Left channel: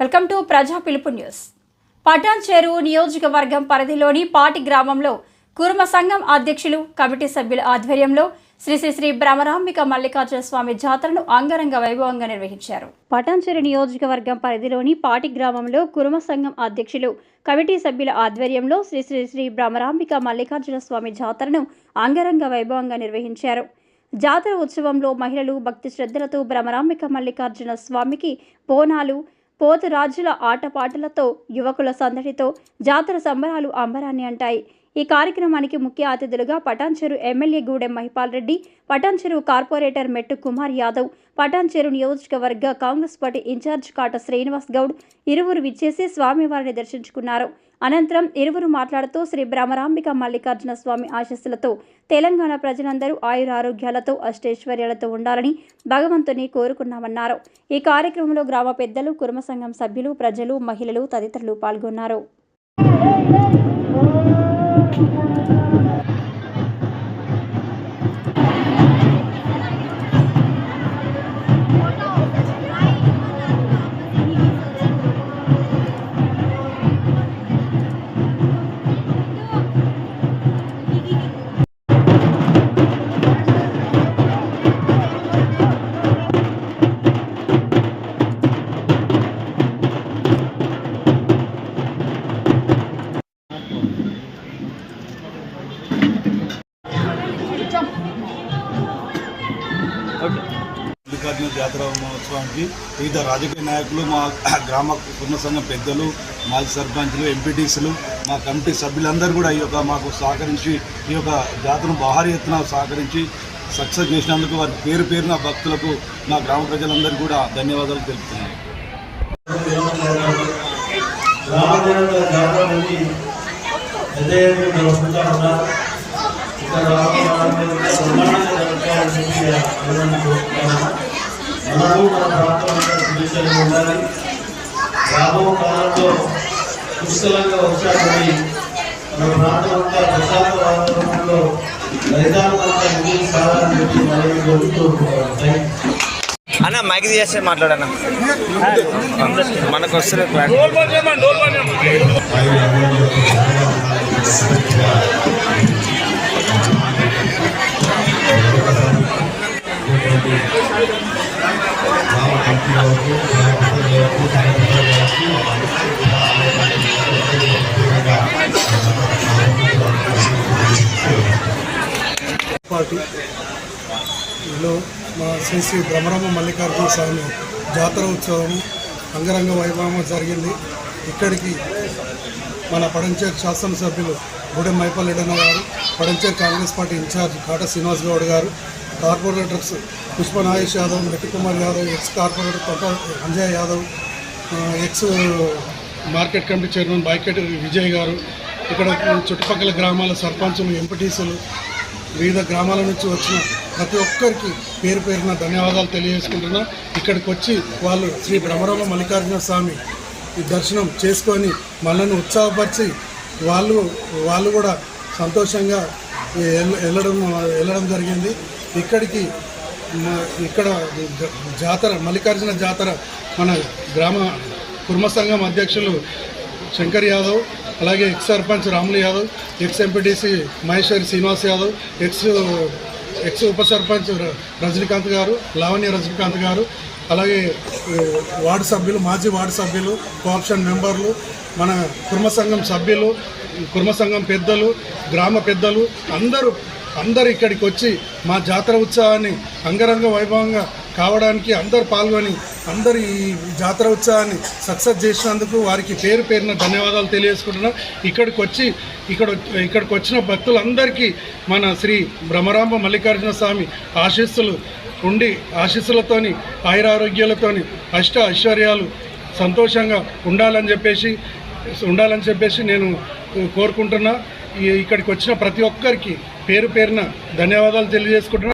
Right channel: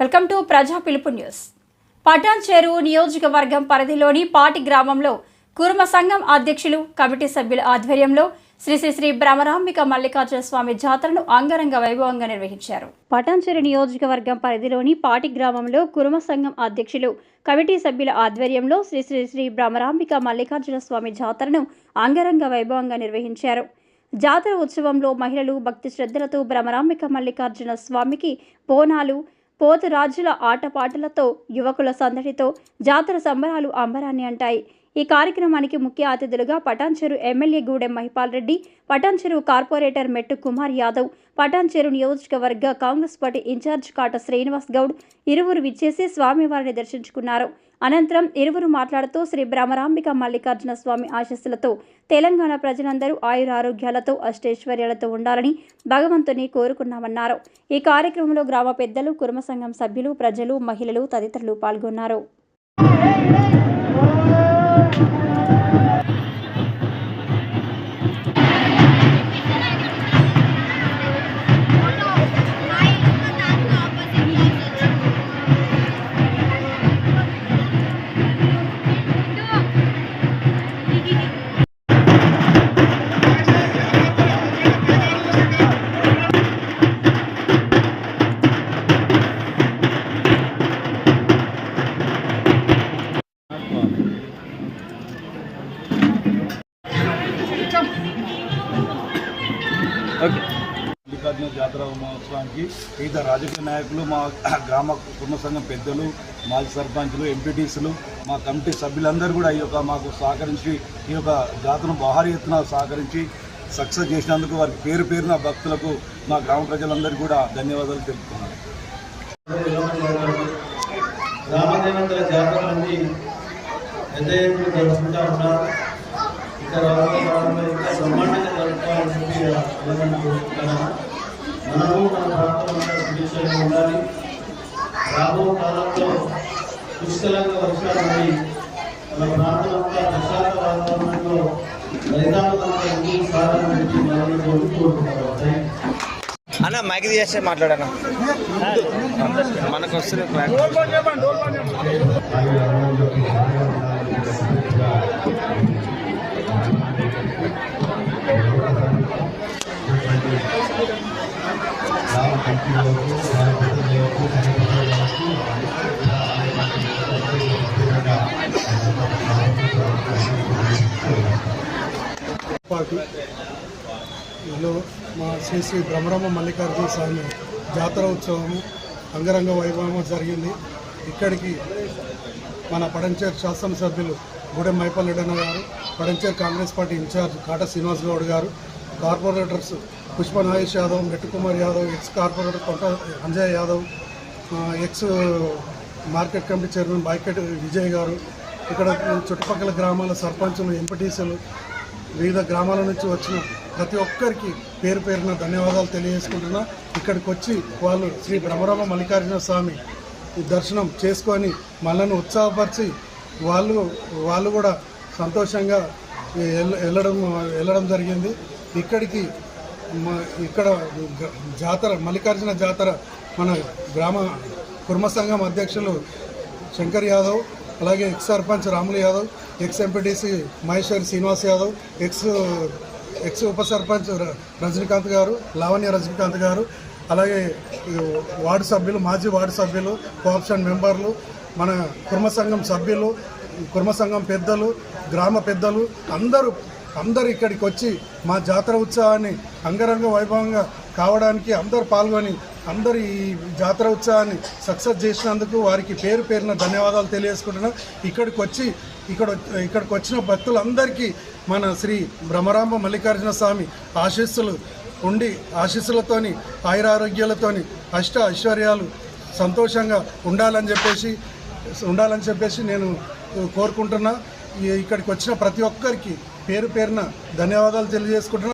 Welcome to ప్రజా పిలుపు news. Patan చెరువు నియోజకవర్గం పరిధిలోని పాటి గ్రామంలో కుర్మ సంఘం అధ్యక్షులు కమిటీ సభ్యుల ఆధ్వర్యంలో శ్రీ శ్రీ శ్రీ భ్రమరాంబిక మల్లికార్జున స్వామి జాతరను అంగరంగ వైభవంగా నిర్వహించారు. పటాన్చెరు నియోజకవర్గం పరిధిలోని పాటి గ్రామంలో కురుమ సంఘం అధ్యక్షులు కమిటీ సభ్యుల ఆధ్వర్యంలో శ్రీ శ్రీ శ్రీ భ్రమరాంబిక మల్లికార్జున స్వామి జాతరను అంగరంగ వైభవంగా నిర్వహించారు. జాతర ఉత్సవంలో మహిళలు భక్తి శ్రద్ధలతో భ్రమరాంబిక మల్లికార్జున స్వామికి బోనాలు పోతురాజుల ఆటపాటలతో యువకుల సందడితో జాతర సంబరాలు అంబరాన్ని అంటాయి. ఈ కార్యక్రమానికి ముఖ్య అతిథులుగా పటాన్చెరు ఎమ్మెల్యే గూడెం మహిపాల్ రెడ్డి పటాన్చెరు కార్పొరేటర్ మెట్టు కుమార్ యాదవ్ పటాన్చెరు నియోజకవర్గ కాంగ్రెస్ పార్టీ ఇన్ఛార్జ్ కాట శ్రీనివాస్ గౌడ్ ఇరువురు విచ్చేసి స్వామివారిని దర్శించుకున్నారు. అనంతరం ఇరువురు మాట్లాడుతూ శ్రీ భ్రమరాంబిక మల్లికార్జున స్వామి ఆశస్సులతో తెలంగాణ ప్రజలందరూ ఆయురారోగ్యాలతో అష్టైశ్వర్యాలతో ఉండాలని భగవంతుని కోరుకున్నామన్నారు. ఈ కార్యక్రమంలో గ్రామ పెద్దలు కుర్మ సంఘం సభ్యులు ప్రజలు మహిళలు తదితరులు పాల్గొన్నారు. మల్లికార్జున జాతర మహోత్సవానికి వివిధ రాజకీయ నాయకులు మా గ్రామ కుటుంబ సంఘం పెద్దలు మాజీ సర్పంచులు ఎంపీటీసీలు మా కమిటీ సభ్యులందరూ కూడా ఈ యొక్క మాకు సహకరించి ఈ యొక్క జాతరను భారీ ఎత్తున సహకరించి సక్సెస్ చేసినందుకు వారి పేరు పేరున భక్తులకు మా గ్రామ ప్రజలందరికీ కూడా ధన్యవాదాలు తెలుపుతున్నాను. జాతర మనము మన ప్రాంతంలో సుభిక్షంగా ఉండాలి రాబో కాలంలో పుష్కలంగా వర్షాలు మన ప్రాంతం అంతా ప్రశాంత వాతావరణంలో రైతాంగంతా ముందుకు సాగాలని చెప్పి మనవి కోరుకుంటున్నాను థ్యాంక్ యూ. అన్న మైక్ చేస్తే మాట్లాడన్న మనకు వస్తుంది పార్టీలో మా శ్రీ శ్రీ భ్రమరమ్మ మల్లికార్జున స్వామి జాతర ఉత్సవం అంగరంగ వైభవంగా జరిగింది. ఇక్కడికి మన పడంచేరు శాసనసభ్యులు గూడెం మైపల్లెడన్న గారు Patancheru Congress party incharge Kata Srinivas Goud గారు corporators Pushpa Nagesh Yadav Metti Kumar Yadav ex corporator Konta Anjay Yadav ex market committee chairman బాయ్కెట్ Vijay గారు ఇక్కడ చుట్టుపక్కల గ్రామాల సర్పంచులు ఎంపీటీసీలు వివిధ గ్రామాల నుంచి వచ్చిన ప్రతి ఒక్కరికి పేరు పేరున ధన్యవాదాలు తెలియజేసుకుంటున్నా. ఇక్కడికి వచ్చి వాళ్ళు శ్రీ భ్రమరామ మల్లికార్జున స్వామి దర్శనం చేసుకొని మనల్ని ఉత్సాహపరిచి వాళ్ళు వాళ్ళు కూడా సంతోషంగా వెళ్ళడం వెళ్ళడం జరిగింది. ఇక్కడికి ఇక్కడ జాతర మల్లికార్జున జాతర మన గ్రామ కుర్మ సంఘం అధ్యక్షులు శంకర్ యాదవ్ అలాగే ex sarpanch Ramulu Yadav ex MPTC Maheshwari Srinivas Yadav ex ex ఉప సర్పంచ్ ర- రజనీకాంత్ గారు లావణ్య రజనీకాంత్ గారు అలాగే వార్డు సభ్యులు మాజీ వార్డు సభ్యులు కోఆప్షన్ మెంబర్లు మన కుర్మ సంఘం సభ్యులు కుర్మ సంఘం పెద్దలు గ్రామ పెద్దలు అందరూ అందరు ఇక్కడికి వచ్చి మా జాతర ఉత్సవాన్ని అంగరంగ వైభవంగా కావడానికి అందరు పాల్గొని అందరు ఈ జాతర ఉత్సవాన్ని సక్సెస్ చేసినందుకు వారికి పేరు పేరున ధన్యవాదాలు తెలియజేసుకుంటున్నాం. ఇక్కడికి వచ్చి ఇక్కడ ఇక్కడికి వచ్చిన భక్తులందరికీ మన శ్రీ భ్రమరాంబ మల్లికార్జున స్వామి ఆశీస్సులు ఉండి ఆశీస్సులతోని ఆయురారోగ్యాలతోని అష్ట ఐశ్వర్యాలు సంతోషంగా ఉండాలని చెప్పేసి ఉండాలని చెప్పేసి నేను కోరుకుంటున్నా. ఇక్కడికి వచ్చిన ప్రతి ఒక్కరికి పేరు పేరున ధన్యవాదాలు తెలియజేసుకుంటున్నా.